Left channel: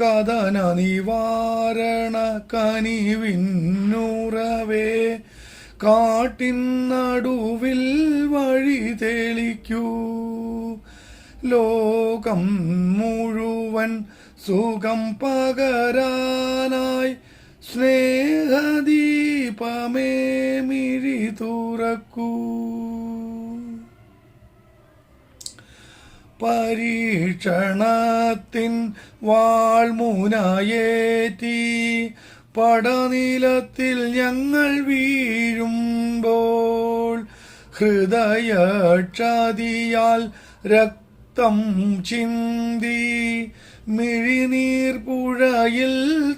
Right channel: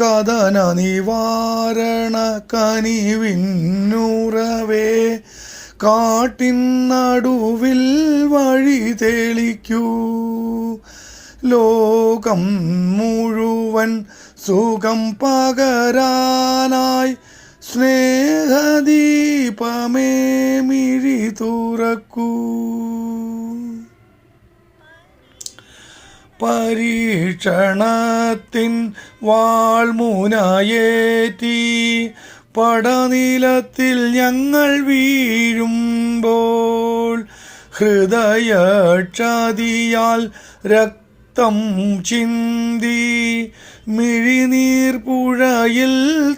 കഥന നിവാരണ കനിവിന്നുറവേ. കാട്ടിൻ നടുവിൽ വഴി തെളിക്കൂ. ലോകം മുഴുവൻ സുഖം പകരാനായി സ്നേഹദീപമേ മിഴി തുറക്കൂ പരീക്ഷണത്തിൻ വാൾമൂനായേറ്റി. പടനിലത്തിൽ ഞങ്ങൾ വീഴുമ്പോൾ ഹൃദയക്ഷതിയാൽ രക്തം ചിന്തി മിഴിനീർ പുഴയിൽ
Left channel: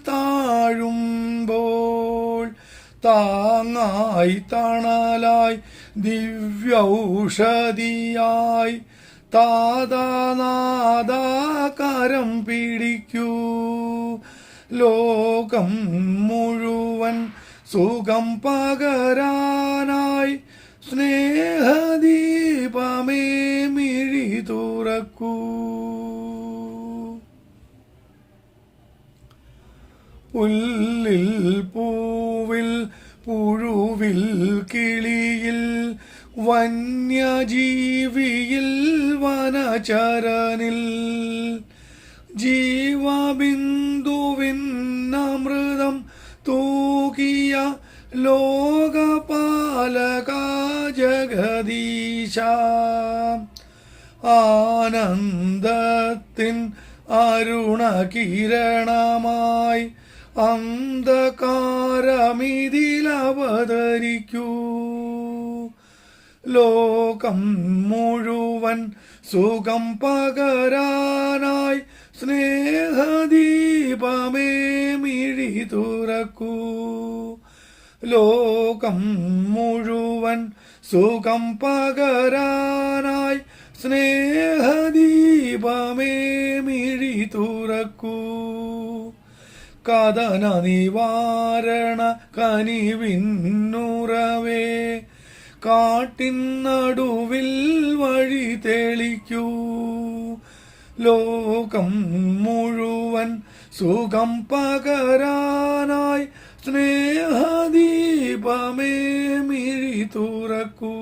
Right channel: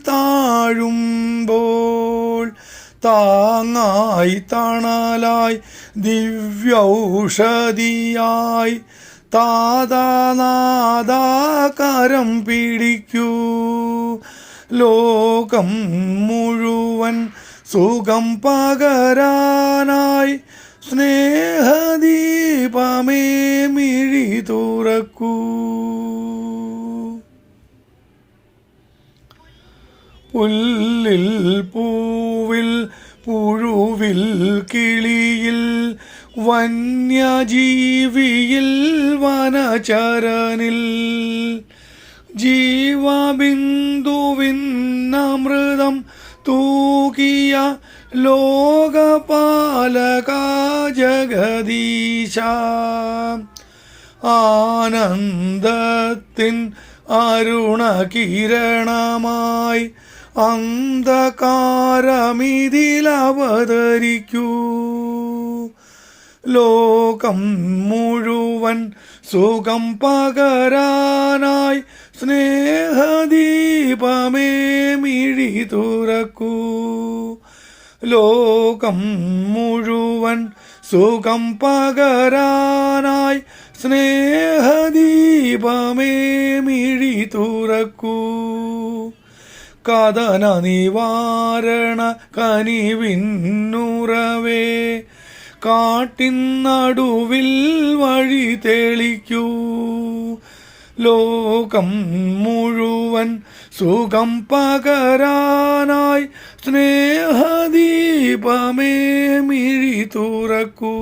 താഴുമ്പോൾ താങ്ങായി തണലായി ദിവ്യൗഷധിയായി താതാനാദാകരം പിടിക്കൂ. ലോകം മുഴുവൻ സുഖം പകരാനായി സ്നേഹദീപമേ മിഴി തുറക്കൂ. പുല്ലിൽ പൂവിൽ പുഴുവിൽ കിളിയിൽ വന്യജീവിയിൽ വനചരനിൽ ജീവബിന്ദുവിന്നമൃതം തൂകിയ ലോകപാലക ജഗദീശ ആനന്ദത്തിൻ അരുണകിരണമായി അന്ധകാരമിതിലവതരിക്കൂ. ലോകം മുഴുവൻ സുഖം പകരാനായി സ്നേഹദീപമേ മിഴി തുറക്കൂ. ലോകം മുഴുവൻ സുഖം പകരാനായി സ്നേഹദീപമേ മിഴി തുറക്കൂ. കഥന നിവാരണ കനിവിന്നുറവേ കാട്ടിൻ നടുവിൽ വഴി തെളിക്കൂ. ലോകം മുഴുവൻ സുഖം പകരാനായി സ്നേഹദീപമേ മിഴി തുറക്കൂ